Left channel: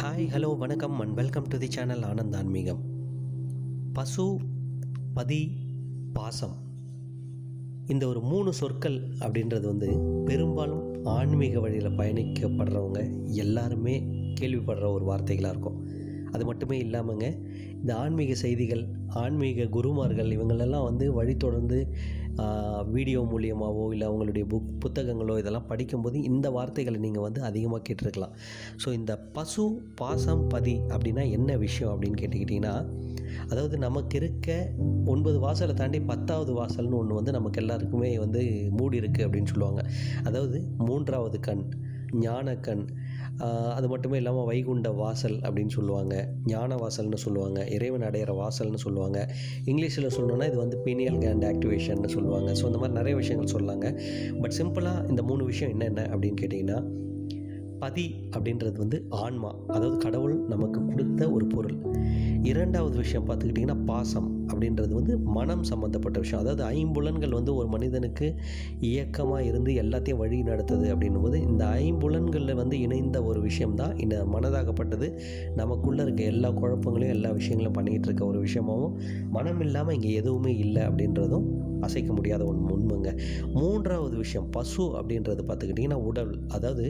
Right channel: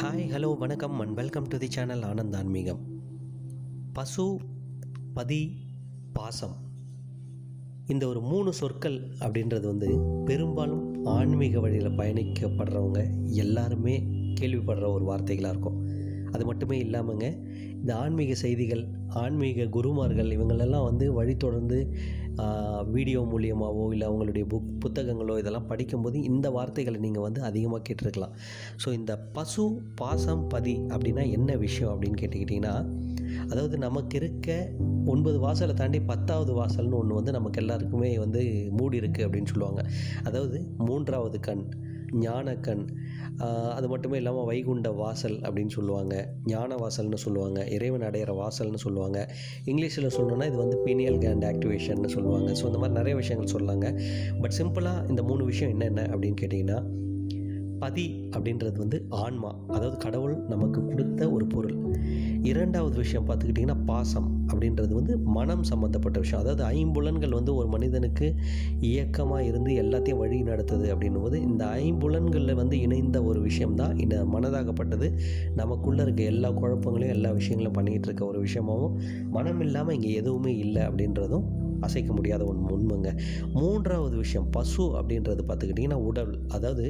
Hi hello வணக்கம் and welcome to the channel Anand ஆன்மீகம். பசு, பதி, பாசம், இந்த ஒரு 3 சொற்கள் அப்படின்றது பெரும்பாலும் ஆன்மீக வழியில் பயணிக்கப்படுறவங்க எல்லாருமே கேள்விப்படுற ஒரு வார்த்தைகளாக இருக்கும். அது மட்டுமே இல்லாமங்க, இந்த ஆன்மீக செய்திகள், ஆன்மீக குருமார்கள் இவங்களெல்லாம் வழி தொடர்ந்து வீடியோ மூலியமாகவோ இல்லை அவங்களுடைய புத்தகங்களோ இதெல்லாம் படிக்கும்போது இந்த வார்த்தைகளை நீங்கள் அதிகமாக கேட்டிருக்கலாம். ஸோ இந்த பசு, பாசம், பதி அப்படின்னா என்ன விஷயம் அப்படின்னு கேட்டுக்கிட்டிங்கன்னா, அதாவது நமக்கு இருக்க 9 வாசலை தாண்டி 10வது வாசல்னு ஒன்று நமக்கு எல்லாருக்குமே மூடி இருக்குது அப்படின்னு சொல்லுவாங்க. அதாவது 3வது கண், ஞானக்கண். அது மட்டுமே இல்லாமல் வைகுண்ட வாசல் அப்படின்னு சொல்லுவாங்க, ஞான வாசல்னு சொல்லுவாங்க, இறைவன் அடையிற வாசல்னு சொல்லுவாங்க. இங்கிலீஷில் சொல்லணுன்னா இது பீனியல் கேண்ட் ஆக்டிவேஷன்னு சொல்லுவாங்க. ஸோ இந்த மாதிரி நிறைய விஷயங்கள் சொல்லாங்க. பட் சிம்பிளாக இந்த 3 விஷயம் என்னென்ன அப்படின்னு கேட்டிங்கன்னா, பதி அப்படின்றது ஆன்மா, அதாவது கடவுள் நமக்கு கொடுத்த ஒரு பொருள். 2வது விஷயம் பார்த்துக்கிட்டிங்கன்னா பாசம் அப்படின்றது மனம் சம்மந்தப்பட்ட விஷயம். அதாவது ஐம்புலன்கள் ஒரு மனிதனுக்கு இயக்கமாக இருந்து எல்லாத்தையும் வழி நடத்துது அப்படின்னும்போது இந்த ஐம்புலன்களில் இணைந்த ஒரு விஷயம்தான் இந்த மனதாகப்பட்டது. நமக்குள்ளே இருக்க எல்லா குழப்பங்களையும் எல்லா விஷயங்களையும் பண்ணிக்கிட்டு இருக்க ஒரு விஷயமாகவும், மனம் இல்லாமல் இங்கே எதுவுமே இல்லை அப்படின்றதும் அசைக்க முடியாத உண்மைங்க. 3வது விஷயம் பசு அப்படின்றது பார்த்துக்கிட்டிங்கன்னா உடல். அதாவது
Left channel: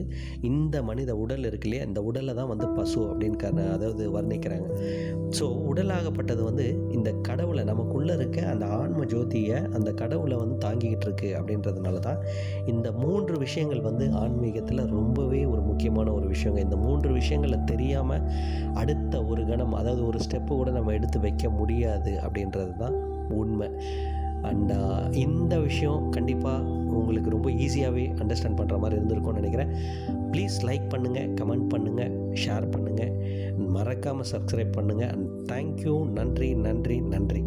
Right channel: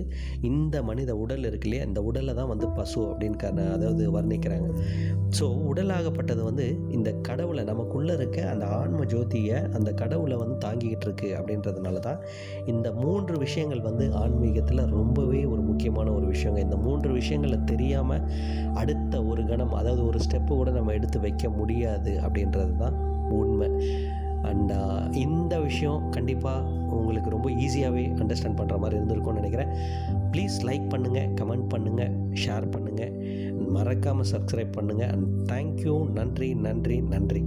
இந்த மனித உடல் இருக்கு இல்லையா, இந்த உடலை தான் பசு அப்படின்னு அதாவது வர்ணிக்கிறாங்க. ஸோ உடலாகப்பட்டது இந்த கடவுளை, நமக்குள்ளே இருக்க அந்த ஆன்ம ஜோதியை, அந்த கடவுளை தாங்கிக்கிட்டு இருக்கு அப்படின்றதுனால தான் இந்த 3 விஷயங்கள் ஆன்மீகத்தில் ரொம்பவே ஒரு முக்கியமான ஒரு விஷயங்க. இந்த 3 விஷயங்களை தெரியாமல் அடுத்த ஒரு கணம், அதாவது ஒரு ஸ்டெப்பு கூட நம்ம எடுத்து வைக்க முடியாது அப்படின்றது தான் உண்மை. அண்ட் இந்த விஷயம் கண்டிப்பாக உங்களுக்கு ரொம்ப ஈஸியாகவே அண்டர்ஸ்டாண்ட் பண்ணுற மாதிரி இருந்திருக்கும்னு நினைக்கிறேன். ப்ளீஸ் லைக் பண்ணுங்கள், கமெண்ட் பண்ணுங்கள், ஷேர் பண்ணுங்கள், மறக்காமல் சப்ஸ்கிரைப் பண்ணுங்கள். And thank you. நன்றி நன்றி நன்றி.